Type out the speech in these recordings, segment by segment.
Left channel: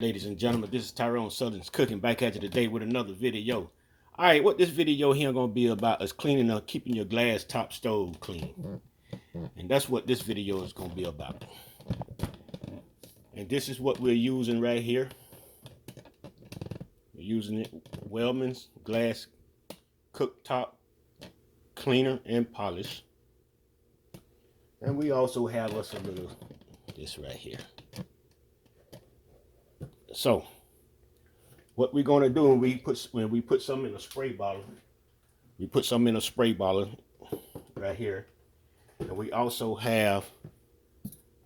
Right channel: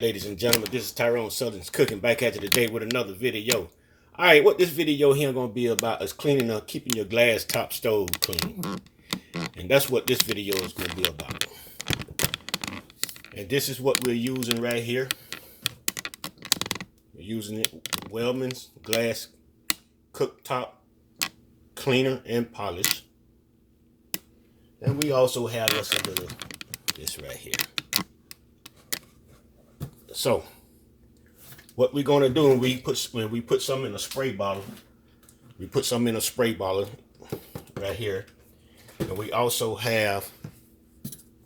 Ladies and gentlemen, this is Tyron'e Southern's Cooking back at you today with another video. Alright, what this video here going to be about is cleaning up, keeping your glass top stove clean. And that's what this video is going to be about. And this is what we're using right here. We're using it, Wellman's glass cooktop cleaner and polish. And we also have us a little, this right here. So, what we're gonna do when we put some in a spray bottle, we put some in a spray bottle right here, and we also have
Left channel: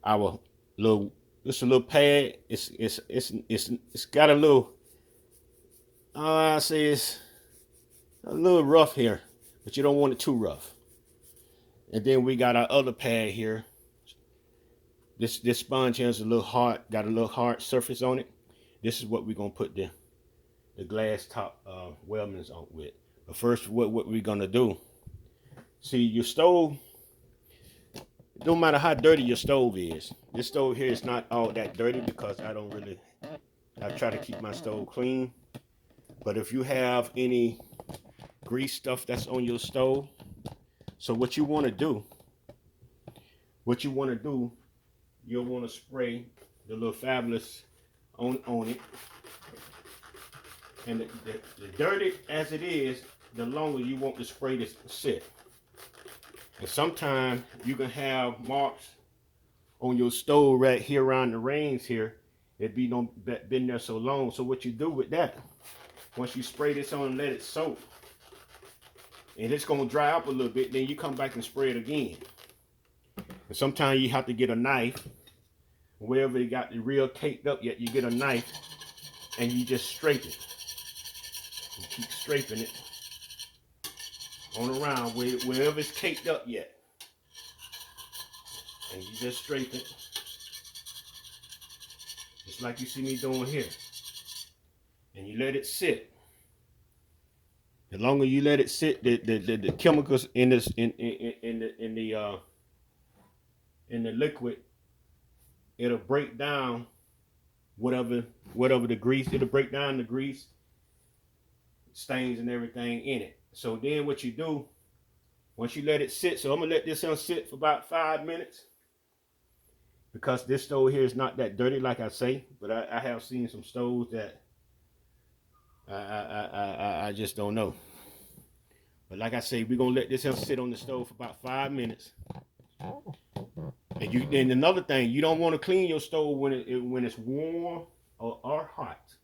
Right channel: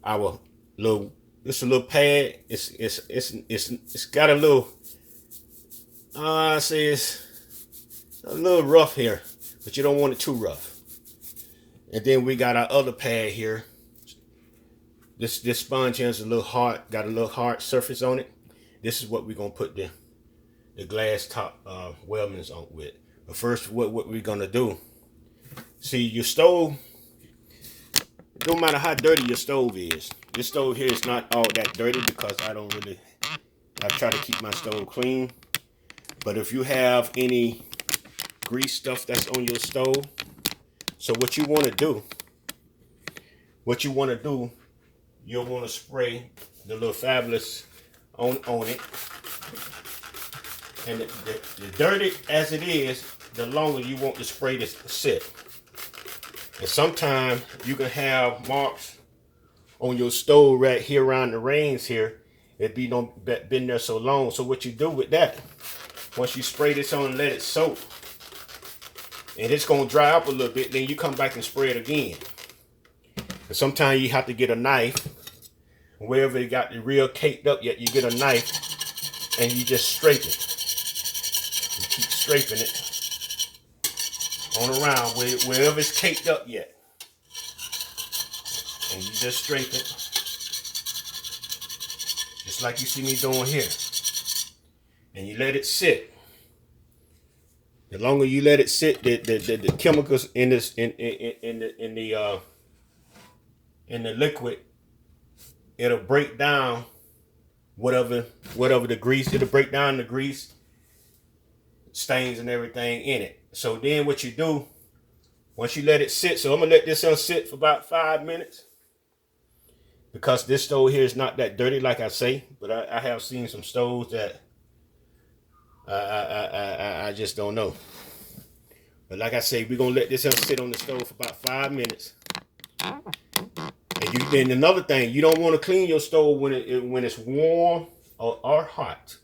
our little. This is a little pad. It's got a little. I say it's a little rough here, but you don't want it too rough. And then we got our other pad here. This sponge here is a little hard. Got a little hard surface on it. This is what we're gonna put the glass top Wellman's on with. But first, what we're gonna do? See, your stove. No matter how dirty your stove is, this stove here is not all that dirty because I try to keep my stove clean. But if you have any grease stuff that's on your stove, so what you want to do, you'll want to spray the little Fabulous on it. And the dirty as it is, the longer you want the spray to sit. And sometimes you can have marks on your stove right here around the rings here. It been there so long. So what you do with that, once you spray this on and let it soak, and it's gonna dry up a little bit, then you come back and spray it again. And sometimes you have to get a knife. Wherever it got the real caked up yet, you get a knife and you just scrape it. You keep scraping it on around wherever it's caked up yet. And you just scrape it. Just like you see me doing here. And you let it sit. The longer you let it sit, the chemicals in the liquid, it'll break down whatever the grease. It'll break down the grease stains and everything in it. So then what you do, once you let it sit, so I'm gonna let this sit for about 5 minutes, because this stove here is not that dirty like I say, but I have seen some stoves that I just don't know. But like I say, we're gonna let this sit on the stove for about 5 minutes. And another thing, you don't want to clean your stove when it's warm or hot.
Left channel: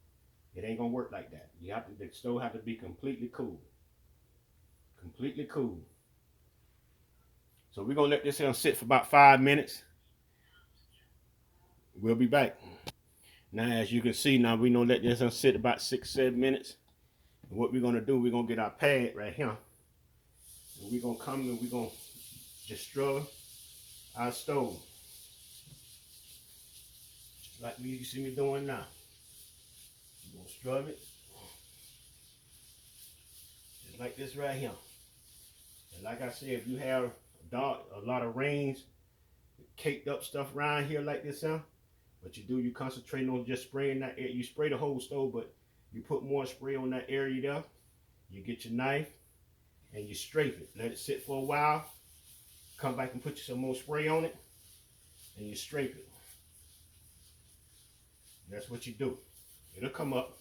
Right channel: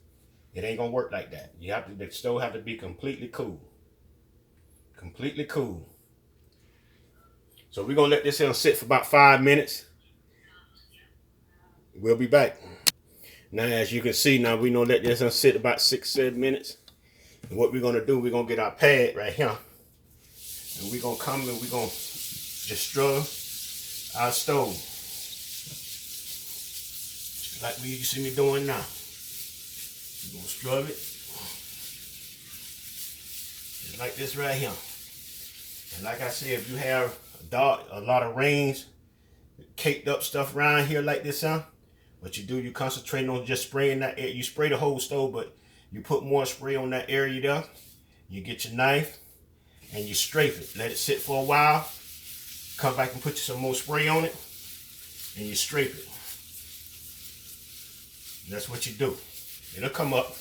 It ain't gonna work like that. The stove have to be completely cool. Completely cool. So we're gonna let this sit for about 5 minutes. We'll be back. Now, as you can see, now we gonna let this sit about 6-7 minutes. And what we're gonna do, we're gonna get our pad right here, and we're gonna come and we're gonna just scrub our stove like you see me doing now. You're gonna scrub it just like this right here. And like I said, if you have a lot of rains, caked up stuff around here like this, what you do, you concentrate on just spraying that air. You spray the whole stove, but you put more spray on that area there. You get your knife and you scrape it. Let it sit for a while. Come back and put you some more spray on it, and you scrape it. And that's what you do. It'll come up.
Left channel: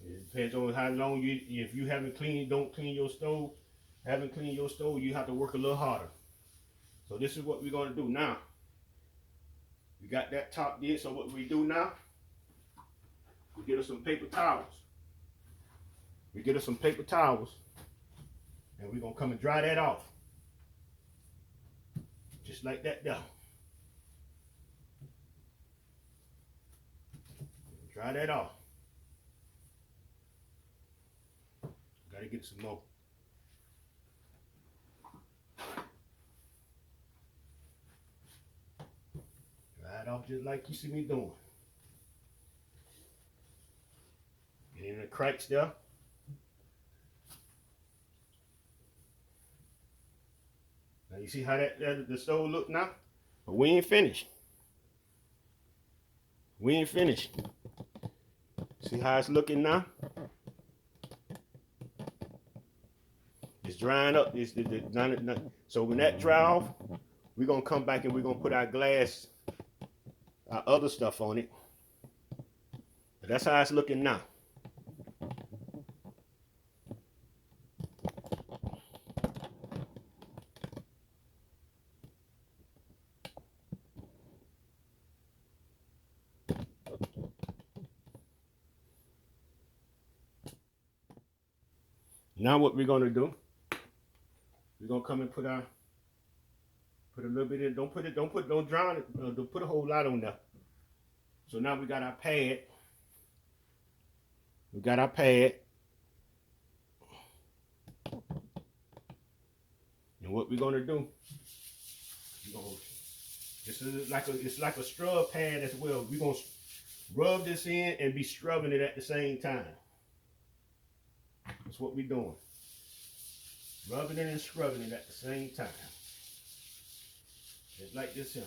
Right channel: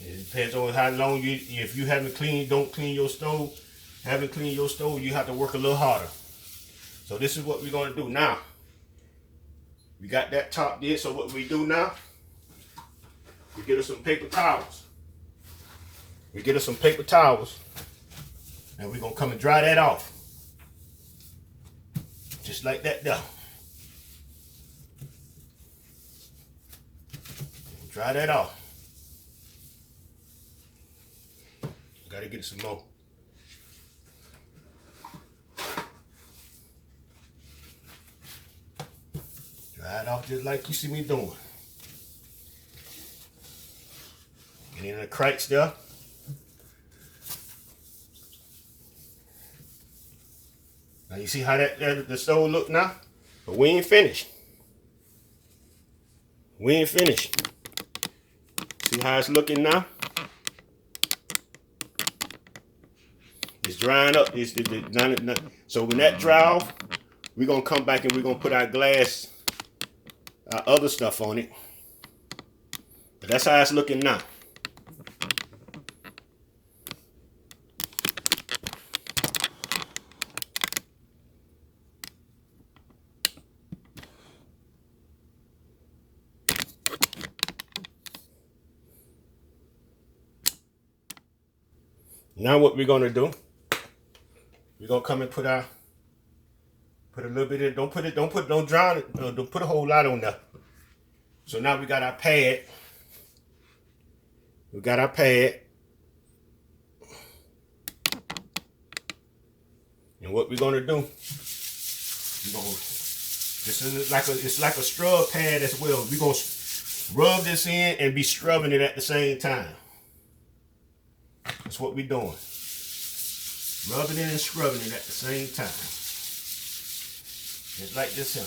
It depends on how long if you don't clean your stove, you have to work a little harder. So this is what we're gonna do now. We got that top did, so what we do now, we get us some paper towels. And we're gonna come and dry that off. Just like that there. Dry that off. Gotta get some more. Dry it off just like you see me doing. Get in the cracks there. Now you see how the stove look now? But we ain't finished. We ain't finished. See how it's looking now? It's drying up. So when that dry off, we're going to come back and we're going to put our glass, our other stuff on it. But that's how it's looking now. Now what we're gonna do, we're gonna come and put a little bit in, don't drown it, don't put a whole lot on there. So now we got our pad. We got our pad. And what we're gonna do, it's like a scrub pad as well. We're gonna rub this in and be scrubbing it at the same time. That's what we're doing. Rubbing it and scrubbing it at the same time. Just like this here.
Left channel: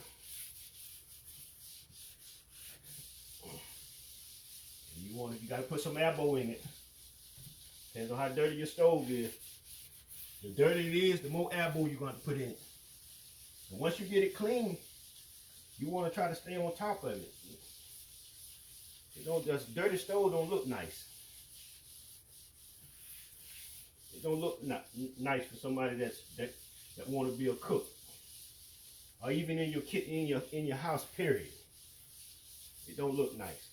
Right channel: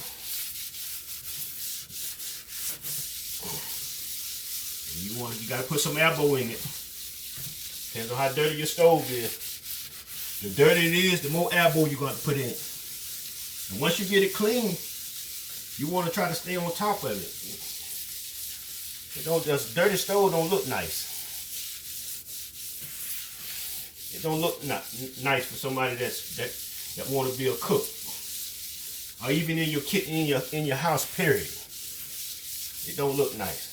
And you gotta put some elbow in it. Depends on how dirty your stove is. The dirtier it is, the more elbow you're gonna put in it. And once you get it clean, you wanna try to stay on top of it. Just dirty stove don't look nice. It don't look nice for somebody that want to be a cook, or even in your house. Period. It don't look nice.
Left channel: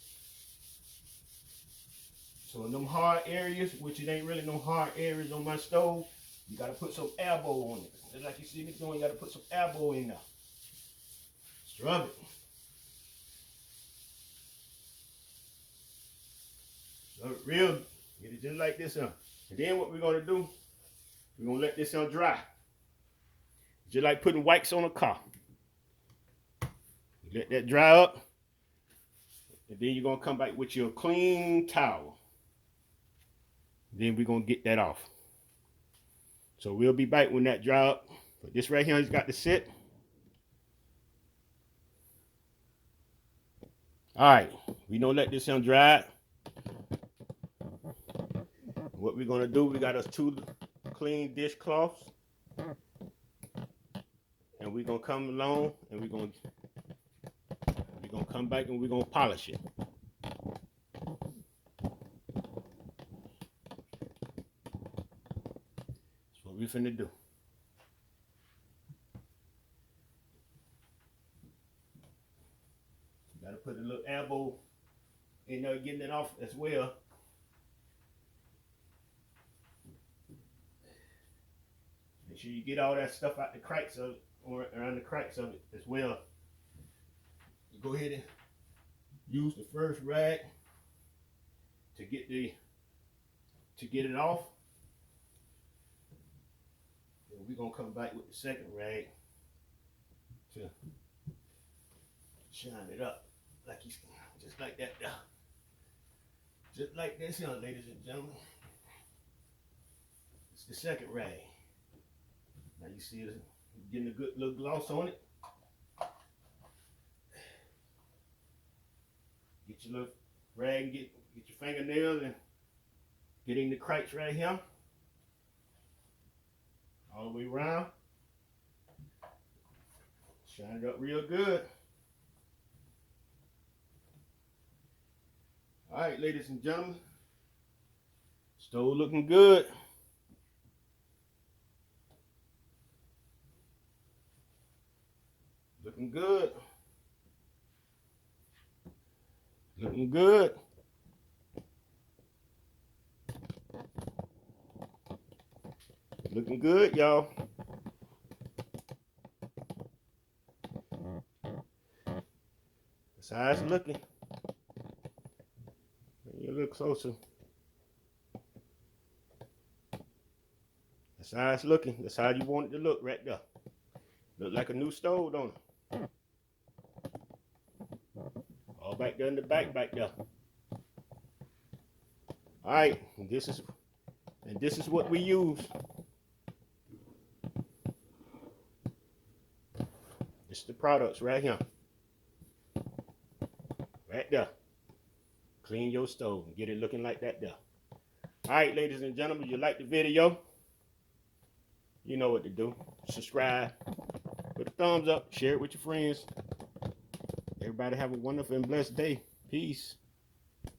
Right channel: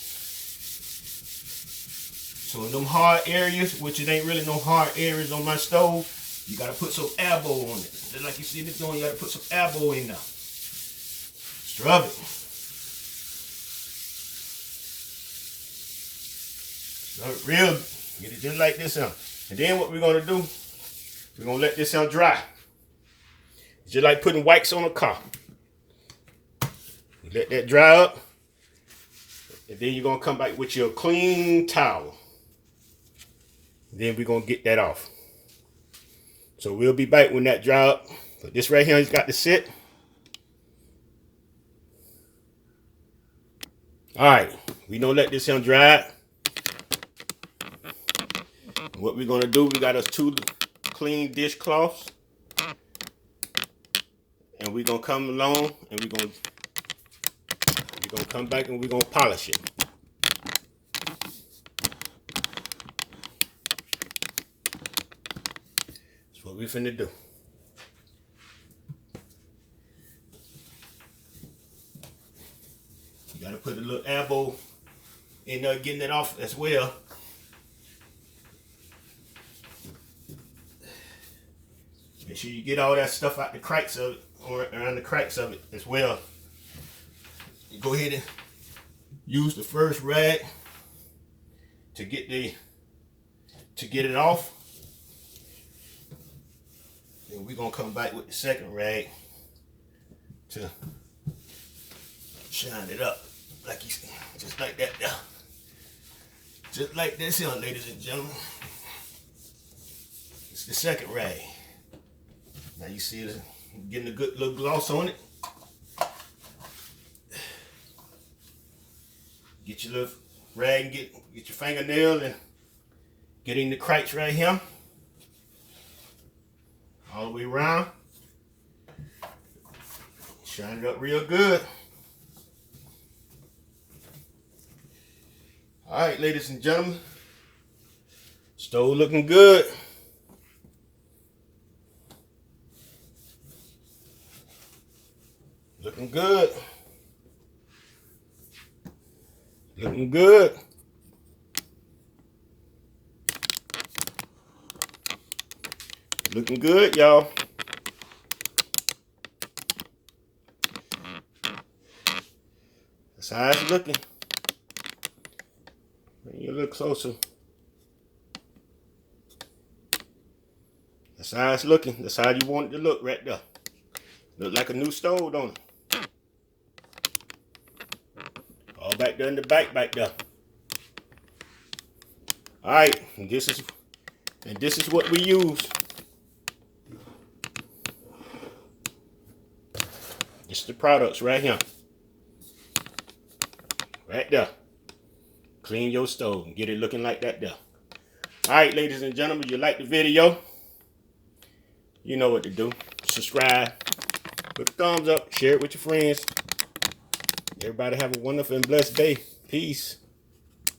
So in them hard areas, which it ain't really no hard areas on my stove, you gotta put some elbow on it. Just like you see this doing, you gotta put some elbow in there. Scrub it. Scrub it real. Get it just like this now. And then what we're going to do, we're going to let this dry. It's just like putting wax on a car. You let that dry up. And then you're going to come back with your clean towel. Then we're going to get that off. So we'll be back when that dry up. But this right here has got to sit. All right. We don't let this dry. What we're gonna do, we got us 2 clean dishcloths, and we're gonna come along and we're gonna come back and we're gonna polish it. That's what we're finna do. You gotta put a little elbow in there getting it off as well. Make sure you get all that stuff out the cracks of it, or around the cracks of it as well. You go ahead and use the first rag to get it off. And we're gonna come back with the second rag to shine it up, like you see, just like that there. Just like this here, ladies and gentlemen. It's the second rag. Now you see it getting a good little gloss on it. Get your little rag and get your fingernail and get in the cracks right here. All the way around. Shine it up real good. All right, ladies and gentlemen. Stove looking good. Looking good. Looking good. Looking good, y'all. That's how it's looking. Bring you a little closer. That's how it's looking. That's how you want it to look right there. Look like a new stove, don't it? All back there in the back there. All right, and this is what we use. It's the products right here. Right there. Clean your stove and get it looking like that there. All right, ladies and gentlemen, you like the video? You know what to do. Subscribe. Put a thumbs up. Share it with your friends. Everybody have a wonderful and blessed day. Peace.